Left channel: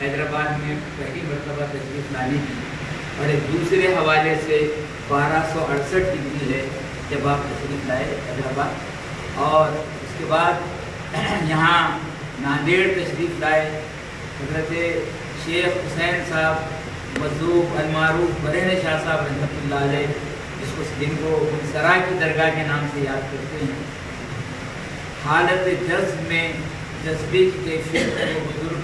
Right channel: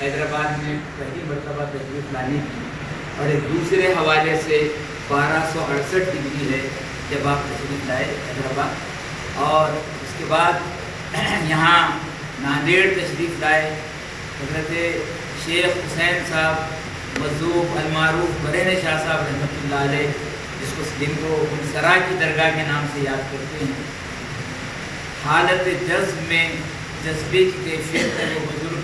حیدرآباد میں پہلی مرتبہ تشریف لانے کی، اور ایک دوسرے حوالے سے 1268 ہجری ہے جب آپ تشریف لائے حیدرآباد، اور اس کے بعد یہاں ناندیڑ تشریف لائے۔ حضرت شیخ حسین صاحب مذوب المعروف برہنِ شاہ صاحب رحمۃ اللہ علیہ، جن کو سرا کی درگاہ کے نام سے یاد کرتے ہیں، حالت جذب میں جذبے کی کیفیت میں وہ بزرگ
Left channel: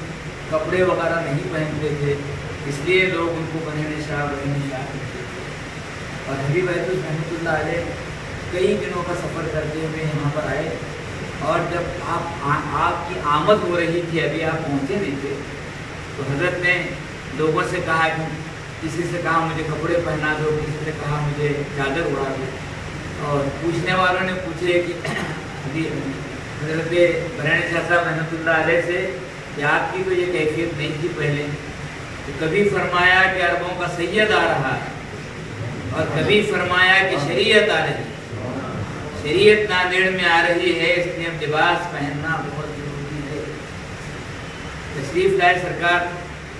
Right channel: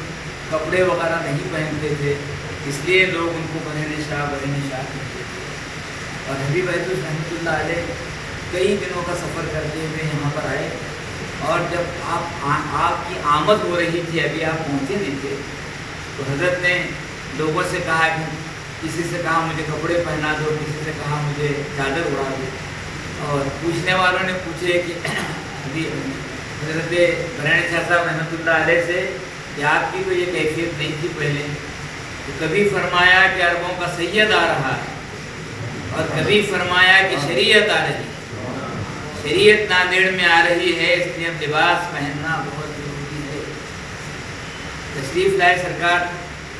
کپڑے وغیرہ نہیں پہنتے تھے، اس لیے لوگ ان کو برہنِ شاہ کہتے تھے۔ اور حبیب حضرت رحمۃ اللہ علیہ کئی دنوں کا سفر کرتے ہوئے یہاں پر آئے، اور جب آپ کی آمد ہو رہی تھی، ابھی آپ پہنچے نہیں تھے، تو حضرت نے لوگوں سے کہا کہ کسی سے کہا مجھے کپڑے پہنا دو، کسی سے کہا مجھے چادر اڑا دو، اور پوچھنے والوں نے پوچھے کہ حضرت برہنِ شاہ صاحب رحمۃ اللہ علیہ سے کہ آپ کی تو یہ کیفیت نہیں تھی پہلے، تو کبھی فرمایا کہ عربوں کا سید آ رہا ہے، اور کبھی فرمایا کہ شریعت آ رہی ہے، شریعت ناندیڑ میں آ رہی ہے، اس لیے لباس پہننا بہت ضروری ہے۔ تشریف لائے سرکار،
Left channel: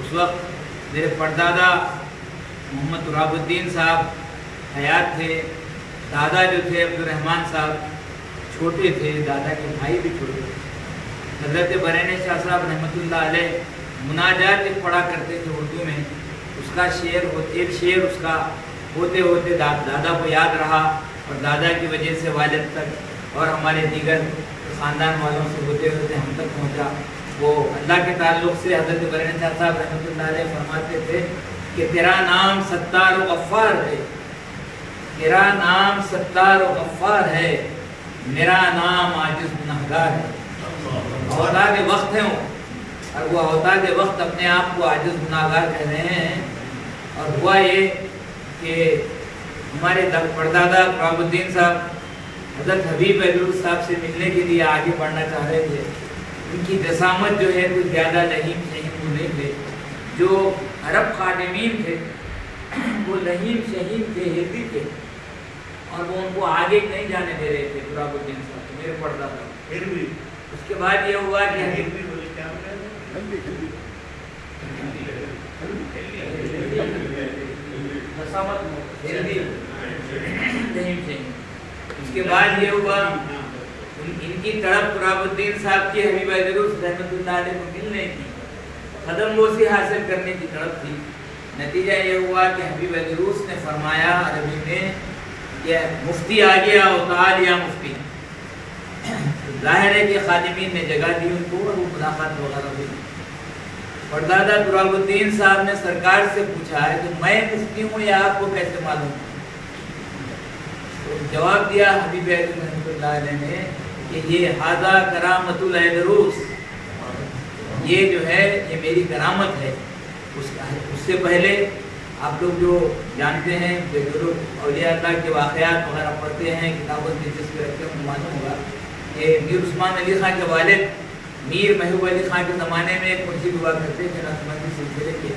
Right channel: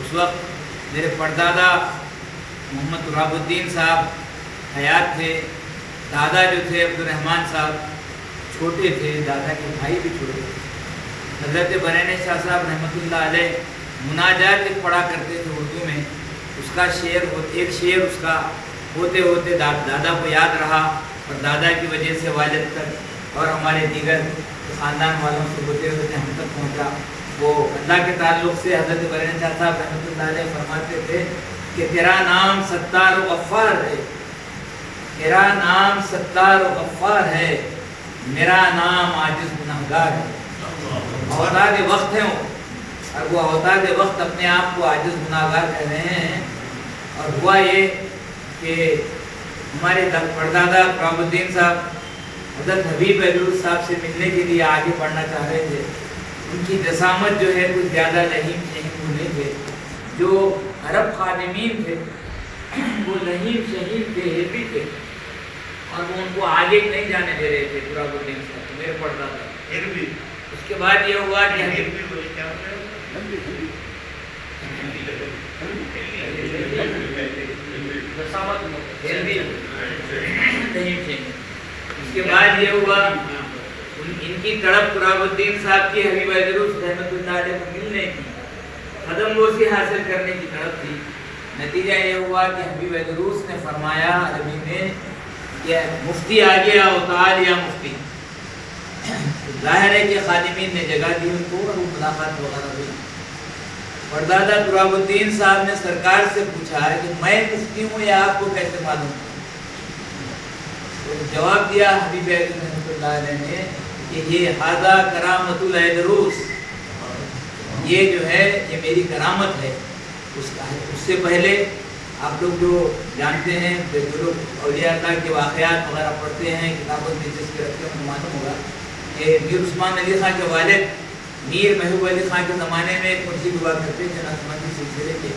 اس وقت میرے پردادا محمد تراب الدین صاحب حیات تھے، دادا جو تھے عبدالرحمن صاحب چھوٹے تھے، دادا کے بھائی بھی چھوٹے تھے۔ حضرت برہنِ شاہ صاحب رحمۃ اللہ علیہ مناجات پڑھا کرتے تھے اردو میں، اس کا ایک شعر اس کا ہوتے ہوتے دادا کو یاد رہا، اور دادا کی وجہ سے والد تک اور ہمارے دیگر خاندان والوں سے ہوتے ہوتے ہم تک پہنچا۔ وہ اللہ کے تعلق سے حضرت برہنِ شاہ صاحب رحمۃ اللہ علیہ فرماتے تھے کہ تیرا نام ستار و غفار ہے، تیرا نام ستار و غفار ہے، میرا نام عاجز گنہگار ہے۔ اوتاد وقت ہیں وہ، اور وہ اوتاد وقت اپنے آپ کو عاجز گنہگار کہہ رہے ہیں۔ اور ہوا یہ کہ ہمارے پردادا تراب الدین صاحب حضرت حبیب حضور صاحب سے ملنے کے لیے آگے بڑھنا چاہ رہے تھے۔ ان کی دسامت جو ہے کچھ زیادہ لہیم شہیم ہونے تھے، جو عرب خادمین تھے وہ لہیم شہیم تھے، ہیپی تھے، اور وہ ان کو آگے نہیں جانے دے رہے تھے تراب الدین صاحب میرے پردادا۔ اس کے بعد یہ ہوا کہ اس کے بعد یہ ہوا ان کی تڑپ تراب الدین صاحب کی حبیب حضرت رحمۃ اللہ علیہ کو ملنے کی، قدم بوسی حاصل کرنے کی تڑپ تھی۔ نتیجہ یہ ہوا کہ حبیب حضرت نے فرمایا عربی میں کہ مفتی آ گیا اوتاد یا مفتی۔ ظاہر ہے کہ خادمین نے جگہ دی ان کو، اور وہ ملاقات وغیرہ ہوئی۔ پردادا تراب الدین صاحب نے سرکار سے پوچھا کہ میں مفتی ہوں یا آپ کو کیسے معلوم؟ جواب دیا حبیب رحمۃ اللہ علیہ نے کہ یہ ہذا کرامت العیدروس، یہ جو ہے یہ میری کرامت ہے۔ اس سے پہلے آپ لوگ جو جانتے ہیں کہ جو لوگ اولیاء اللہ کے واقعات وغیرہ پڑھتے ہیں، کتابوں میں دلچسپی رکھتے ہیں، معلوم ہوگا کہ میر عثمان علی خان کے والد میر محبوب علی خان کے زمانے میں ایک مرشد ہوا کرتے تھے نقشبندی سلسلے کے،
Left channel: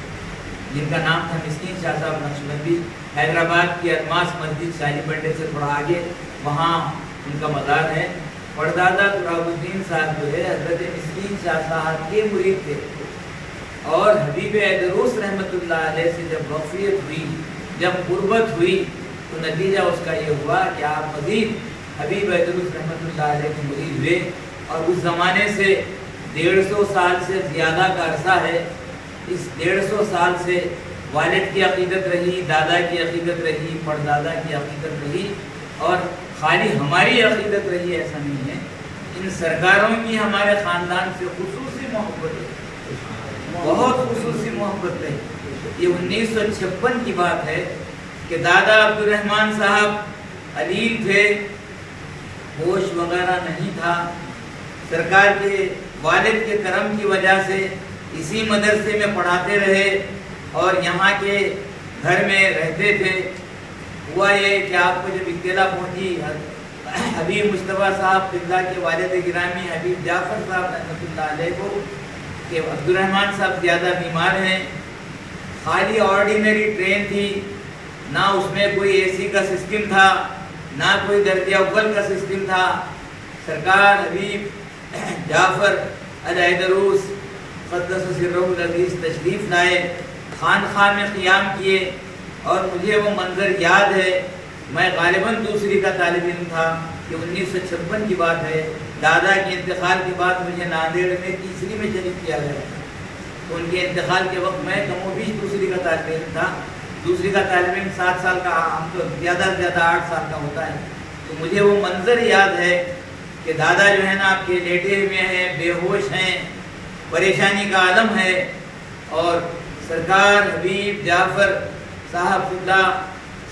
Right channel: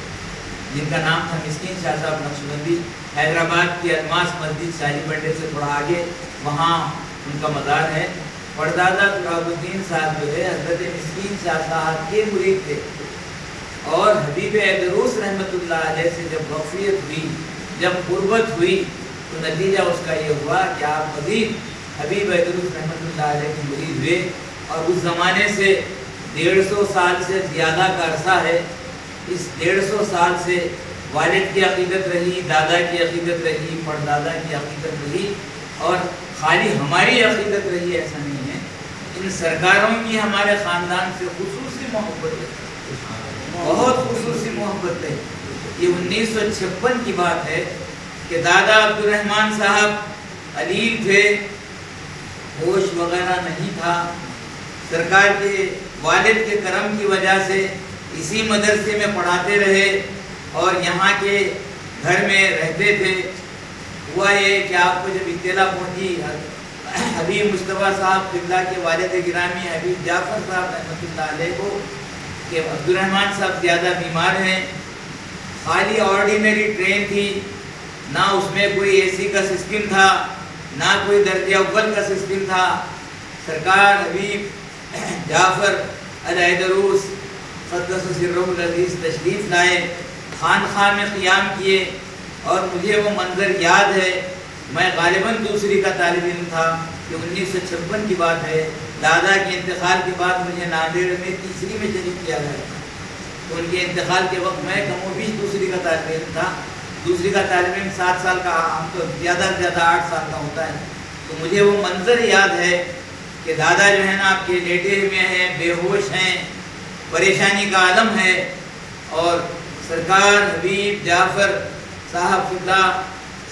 جن کا نام تھا مسکین شاہ صاحب نقشبندی۔ حیدرآباد کی الماس مسجد شاہی بنڈے سے تھوڑا آگے وہاں ان کا مزار ہے۔ پردادا تراب الدین صاحب جو ہے حضرت مسکین شاہ صاحب کے مرید تھے، اور حبیب حضرت رحمۃ اللہ علیہ سے جب وفیت ہوئی، جب قربت ہوئی، تو نتیجہ اس کا یہ ہوا کہ آپ مزید حبیب حضرت رحمۃ اللہ علیہ کے مرید ہوئے، اور اس زمانے سے 150 سال سے زیادہ کا عرصہ ہے۔ اس 150 سال سے والد کی عقیدت رہی، دادا کی عقیدت رہی، پردادا کی عقیدت رہی، اور خالی ہماری عقیدت رہی ایسا نہیں ہے۔ ان سرکاروں کی ہمارے خاندان سے خصوصی محبت ہے، بہت خصوصی محبت ہے۔ یہ 1956 کی بات ہے کہ دادا عبدالرحمن صاحب علیل تھے، ہوش وغیرہ نہیں تھا، سرکار کے والد کے کرم کی وجہ سے اسی مدرسے میں پڑھاتے رہے اور یہاں کے گھر میں رہتے تھے۔ ہوا یہ کہ آپ کو جب اطلاع پہنچی حبیب مصطفیٰ صاحب قبلہ کے والد گرامی حبیب جعفر صاحب رحمۃ اللہ علیہ کو کہ عبدالرحمن صاحب زیادہ بیمار ہیں، خالی آرڈینری ٹرین تھی، نہ اس میں کوئی اے سی کا سسٹم تھا، نہ کوئی درجہ اول کا سسٹم تھا، سرکار حبیب جعفر الحیدروس قدس سرہ العزیز تشریف لائے، خانقاہ میں قیام کیے، اور مجھے وہ منظر یاد ہے۔ میں غالباً دوسری کا طالب علم تھا کہ 1956 کی بات ہے، دادا کے انتقال کے بعد مجھے ناندیڑ میں تیسری میں شریک کیا گیا تھا، تو ان کے انتقال کے وقت میں کم و بیش دوسری کا طالب علم تھا۔ دوسری کا طالب علم 7 سال کا، ہم تو زیادہ سے زیادہ 8 سال کا ہوتا ہے۔ تو مجھے وہ منظر یاد ہے کہ دادا جو ہے نا آپ کے لیٹے میں ہیں، بے ہوش ہیں، پریشانی کا عالم ہے، اور سرکار حبیب جعفر صاحب اللہ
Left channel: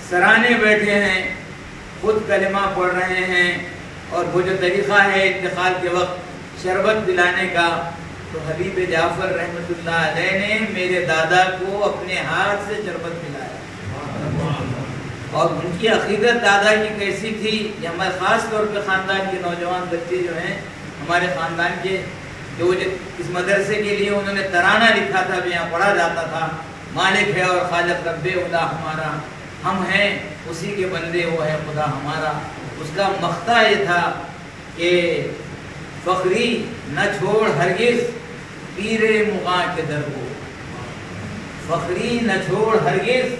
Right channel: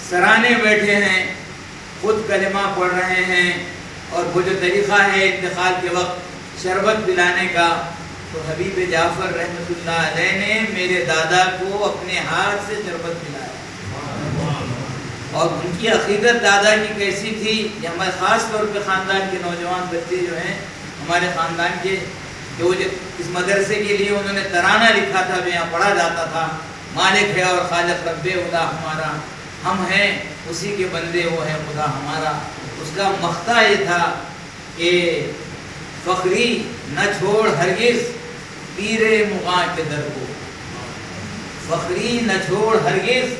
سرانے بیٹھے ہیں، خود کلمہ پڑھ رہے ہیں، اور وہ جو طریقہ ہے انتقال کے وقت شربت پلانے کا، تو حبیب جعفر رحمۃ اللہ علیہ نے میرے دادا کو اپنے ہاتھ سے شربت پلایا، اور ان کی عقیدت دادا کی کیسی تھی، یہ ہمارے خاص طور پہ خاندان کے نوجوان بچے جو ہیں ہمارے خاندان کے، جو اس مدرسے کے لیے انہوں نے ترانہ لکھا تھا، جو یہاں پڑھا جاتا تھا، مالک ہے اور خالق رب خدا ہمارا، ہم ہیں اسی کے بندے، وہ ہے خدا ہمارا۔ اس کا مقطع یہ تھا کہ فخری نہ چھوڑ ہرگز پیر مغاں کے در کو، فخری نہ چھوڑ ہرگز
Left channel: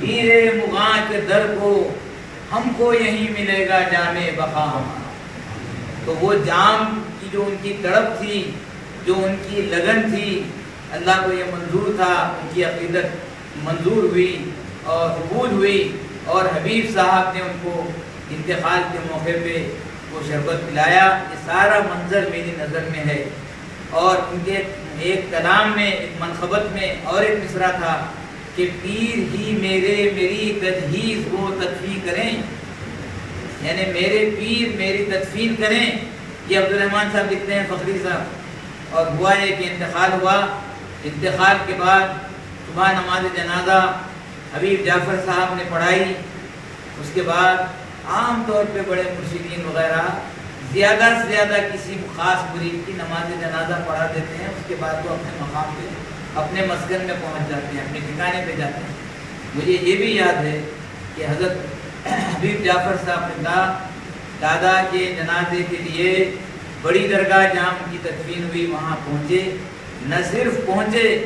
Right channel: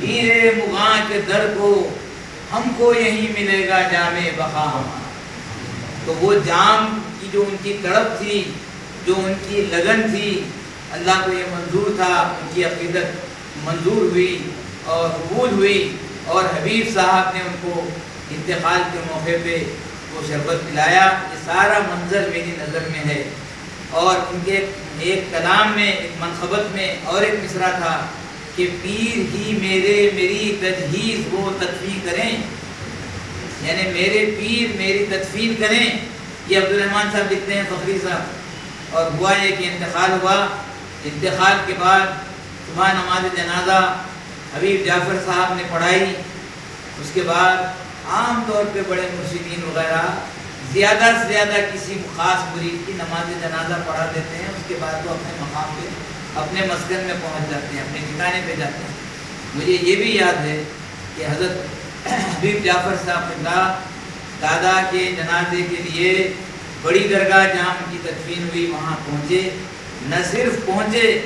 پیر مغاں کے در کو، ہم کو یہیں ملے گا جام بقا ہمارا۔ تو وہ جام کی جو ان کی تڑپ تھی، جو ان کی لگن تھی، اللہ کو یہ منظور تھا، ان کی عقیدت منظور ہوئی اور قبول ہوئی، اور حبیب صاحب نے ان کو انتقال کے موقع پہ وہ شربت پلایا۔ یہ سارا منظر میری نظر میں ہے، اور ان کے ایک کلام میں، ایک منقبت میں اور ایک مصرع تھا کہ پیر ہی میری تجہیز وہ تدفین کریں، یعنی میرے پیر میری تدفین کریں۔ یہ عبدالرحمن صاحب لکھتے ہیں، فخری صاحب۔ اور ہوا ہے کہ انتقال ہوا، انتقال کے بعد صبح نماز جنازہ حبیب جعفر صاحب نے پڑھائی۔ اس کے بعد عام طور پہ بڑے مرشدین وغیرہ زیادہ سے زیادہ کسی خاص مرید کی نماز جنازہ پڑھا دیتے ہیں، اس کے بعد وہ اپنے مقام پہ، اپنے مسکن میں پہنچ جاتے ہیں، اپنے ٹھکانے پہ جاتے ہیں۔ مجھے یہ بھی یاد ہے کہ حضرت حبیب جعفر صاحب نے کہا دادا کے جنازے کے لیے بڑی درگاہ جہاں ان کی تدفین ہوئی وہاں پہنچے، نہ صرف پہنچے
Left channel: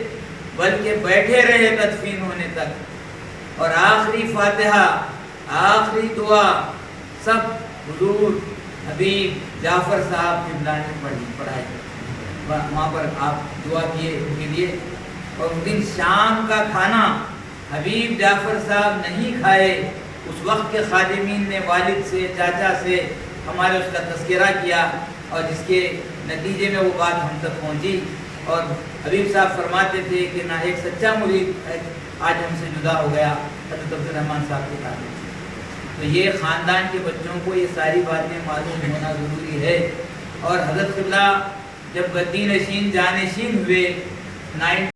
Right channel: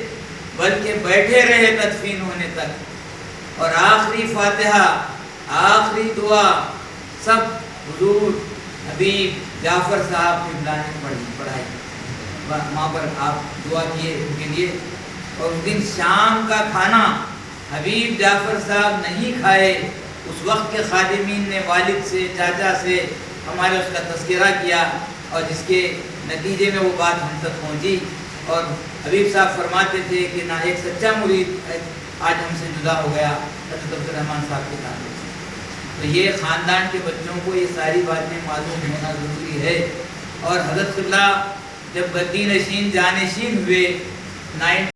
بلکہ بیٹھے رہے تدفین ہونے تک، اور آخری فاتحہ، آخری دعا سب حضور حبیب جعفر صاحب کی بلانی پڑھائی، وہاں پر آپ دعا کیے ان کے لیے۔ اور اس دن شام کا کھانا حبیب جعفر صاحب نہیں کھائے، اس وقت کے خادمین نے والد سے، چاچا سے ہمارے اس کا تذکرہ کیا، اور جس کے نتیجے میں وہ بات ہم تک پہنچی۔ اور حبیب صاحب فرماتے تھے کہ نہ ایک سچا مرید آج ہم سے جدا ہو گیا، حضرت عبدالرحمن صاحب کے تعلق سے۔ تو یہ خاندان کے بچوں کو یہ ساری باتیں معلوم ہونا ضروری ہے۔ اور حضرت قبلہ جب گدی نشین جانشین ہوئے